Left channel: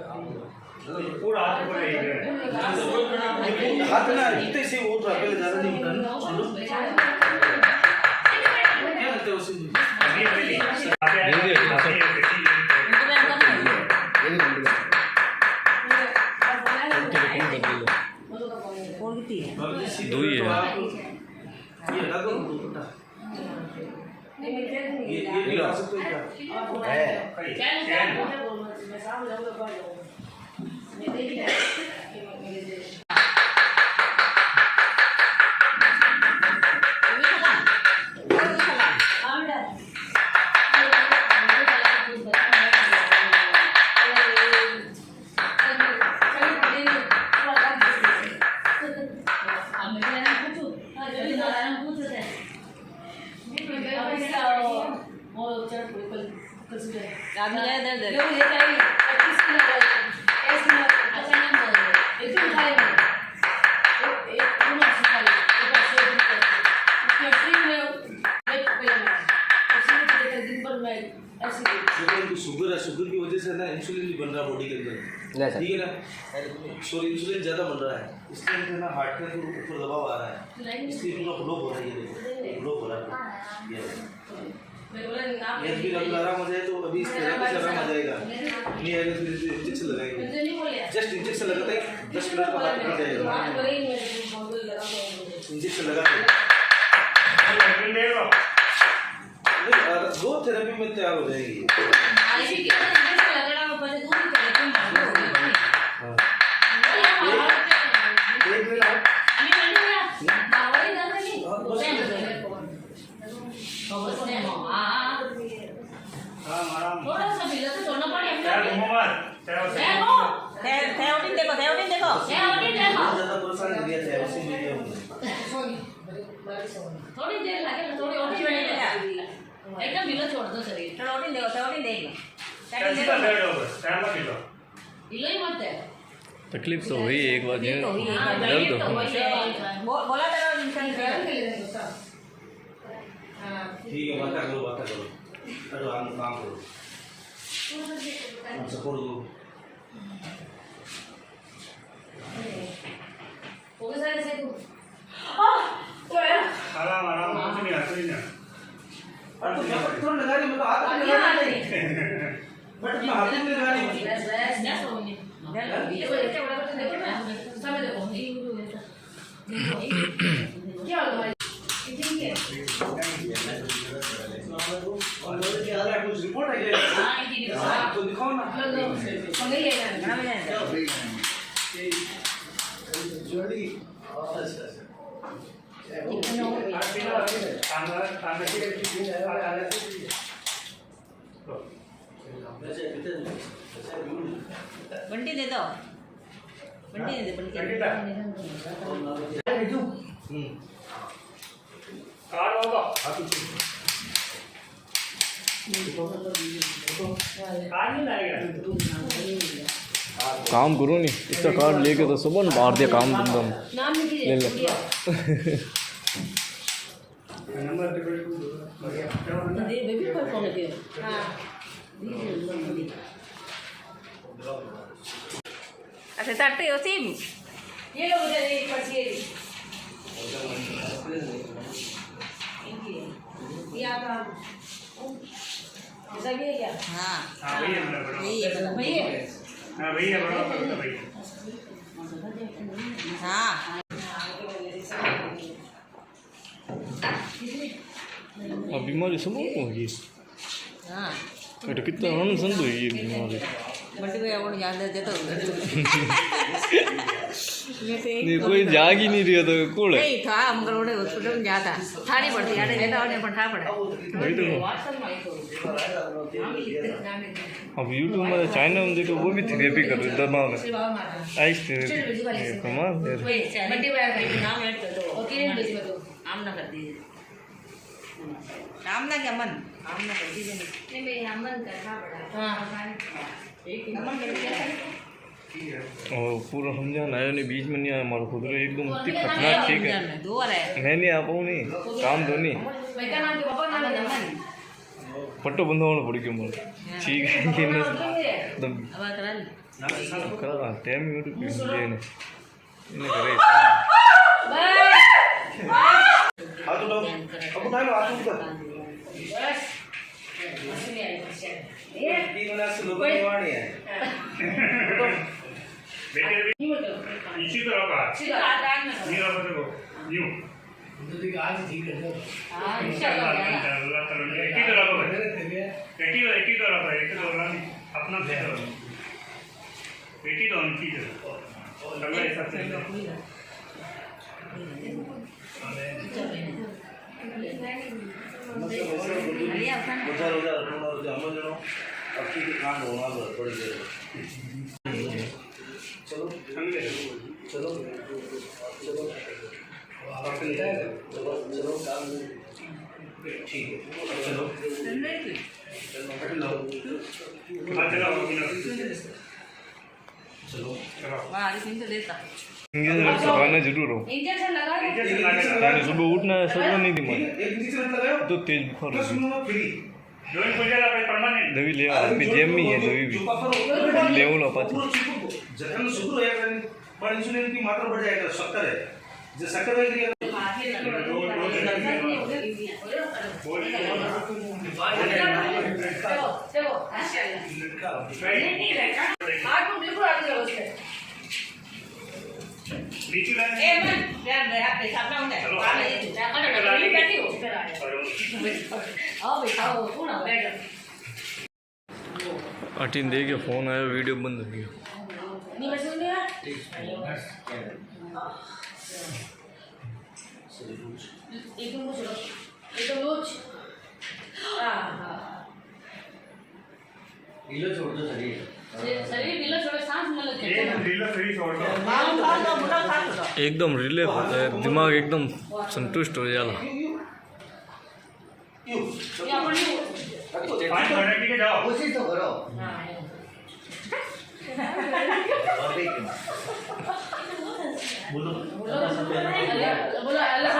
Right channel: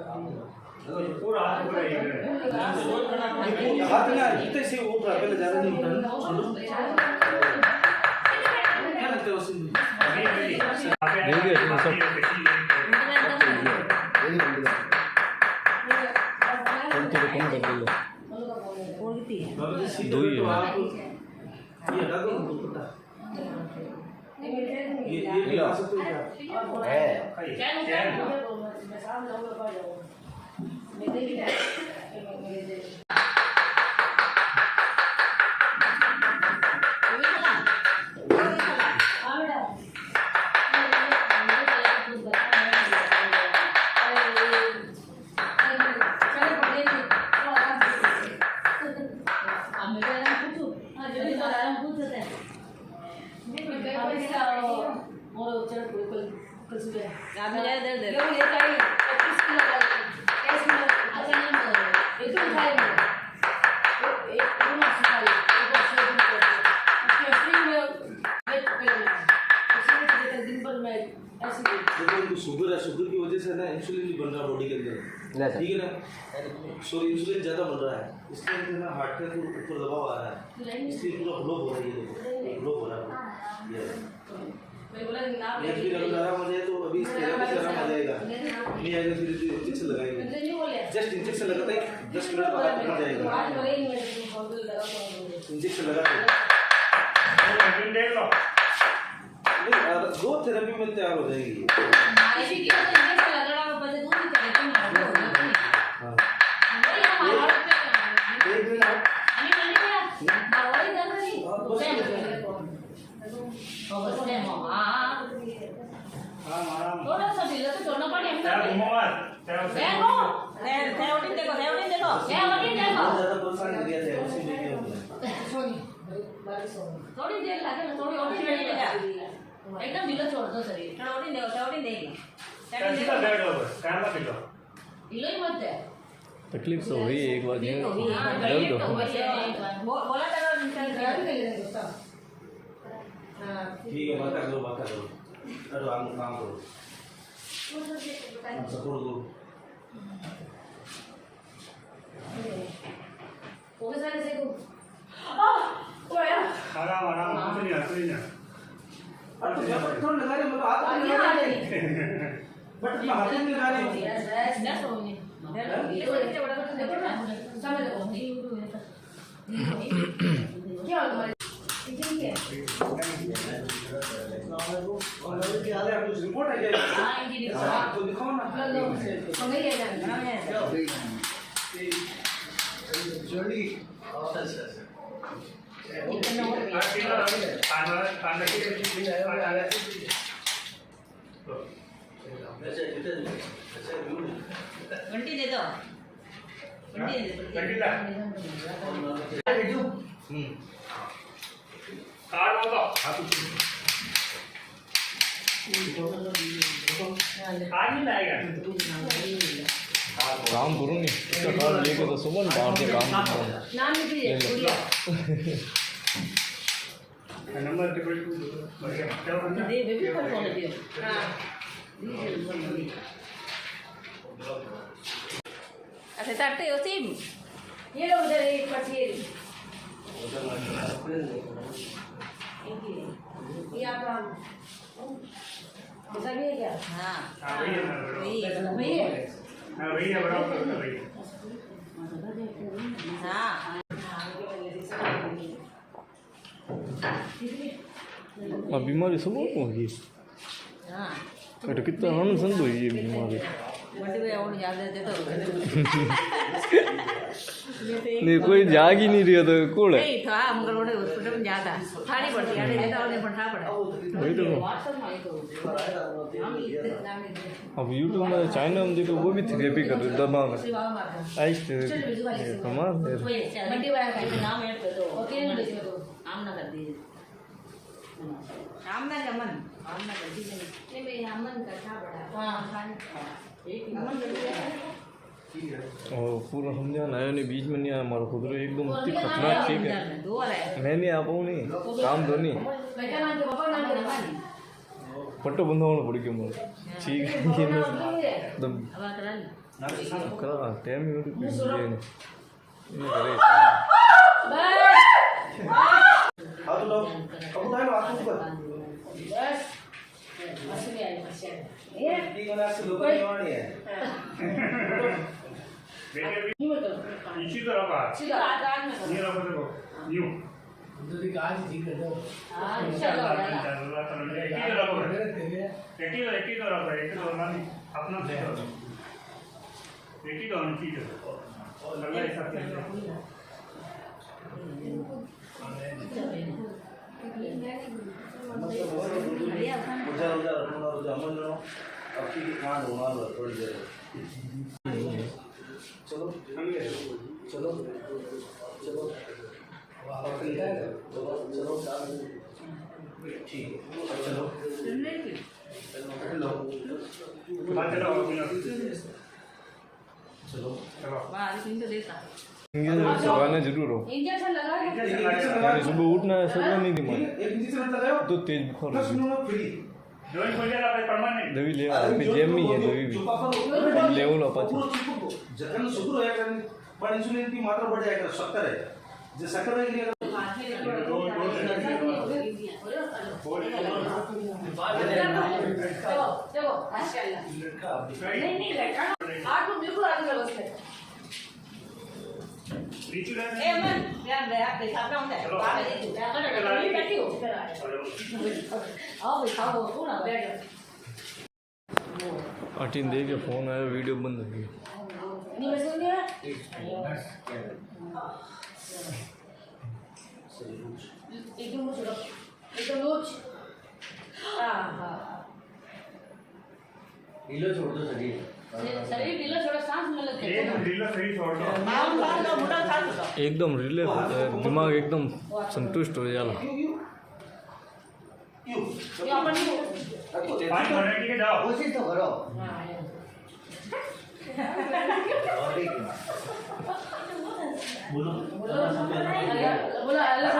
पूरा हाथ पूरा हाथ ना इतने से वो था पहले ज्यादा नहीं उठा छोड़ो क्या बोलते हो उसे अभी मिली दो ही है ये लगो टूटा ये ला सकते हो क्या है शुगर की वजह से ना इंसुलिन भी बन रहा है बॉडी के अंदर, ठीक है ना। सॉरी इंसुलिन ज़्यादा बन रहा है, इसके अंदर ना हार्ट का ऊपर दबाव आ रहा है, इसलिए पूरा ब्लॉक हो रहा है। ये देखो ब्लॉक हो रहा है, ये भी अगर आराम हो जाए तो अभी इस थेरेपी से आराम आ जाएगा। नहीं आएगा फिर इंजेक्शन लगाएंगे, जस्ट इंजेक्शन लगाते ही 10 मिनट बाद हाथ निकल जाएगा। इंजेक्शन लगाते दो थेरेपी में तैयार हो जाएगी। थोड़ी देर लगे थोड़ी और एकदम ढीला छोड़ दो शरीर थोड़ी दे सीधा बैठ जाओ बस टाइम मत लो ढीला ही मत है। तकलीफ तो हुई एक बार दर्द हो बोला ठीक है बात करो अरे काम करो सपोर्ट दो आराम कुछ नहीं अरे तो थोड़ा लगा रही मतलब हाथ में लगा रही बट मैं हाथ में लगा रही क्या कुछ रिपोर्ट है क्या तो दिखाओ ना जल्दी बंटी दे दो काम करो नहीं इसका कार्ड लेके तो सुबह मार दिया काम अच्छा तट्टे होती ये लोग उधर एक पास ये आप ऐसा भी है क्या? हाँ भैया बड़ा हाँ अब बीमारी सब होगी कितना अनसंद हुई ये बीमारी नहीं कोई जाग ही नहीं रहा तो कौन है वही तो अब यूट्यूब में चाइना में देखो वो भी थेरेपी कर रहे दमा में आइस थेरेपी कमाल है आमना क्या मन आमना कर दीजिए नहीं भाई आमन करना पड़ा हाँ एक नमन कर दिया और पूरा समझाना है नहीं बीच में नहीं आया हमारा खुद एकदम इतनी खतरनाक ठीक है मैं नहीं आ पाऊँ नहीं काम तो नहीं पट्टो बंदा होना पड़ी क्यों मार ठीक है एकदम करा टाइम यूट्यूब पे इन्हें करे हाथ उठाओ अब उठा लो हाथ ऊपर ठीक होना से लोग निवाणी है बेटे इसी तरह का नहीं रखो देखो न्यू एक ही तरह का एक तरह अपना एक ही दोनों चीज अगला हिसाब से रोजा अमल जनो अब की कांड होना थोड़ी देर चलो चलो चलो चलो ठीक है चलो चलो इंजेक्शन लगाना जरूर हो इंजेक्शन लगा यानी सुबह उठना सपना नहीं थी मारे एक इंजेक्शन लगाओ तो तेज बुखार हो गया फ्री जॉइन हो जाएगा पे परमानेंट दवी ले अभी जेम में है दवी भी लेवल अपाच जखन शुरू होया करे पर इंसुलिन की मात्रा बढ़ जाएगा 70 है जो 70 है देखो हाथ को बिल्कुल आगे करो उसके नीचे लाइन ए मैं ध्यान दे आप पेशाब ना होने बैठी हो आओ बैठाओ कौन आ बैठ अटीन दे के फोन आया वीडियो बंद हो गया नहीं मैं सुन रहा एकदम लूज रखो एकदम लूज हां ढीला छोड़ दो शरीर ढीला छोड़ो सांस न लगे एक ढीला सही छोड़ दो एकदम रिलैक्स होता है दिमाग एकदम संतुष्ट हो जाला ये अपन नहीं 5 मिनट के जाओ उसी तो करो बोलो बोलो अल्लाह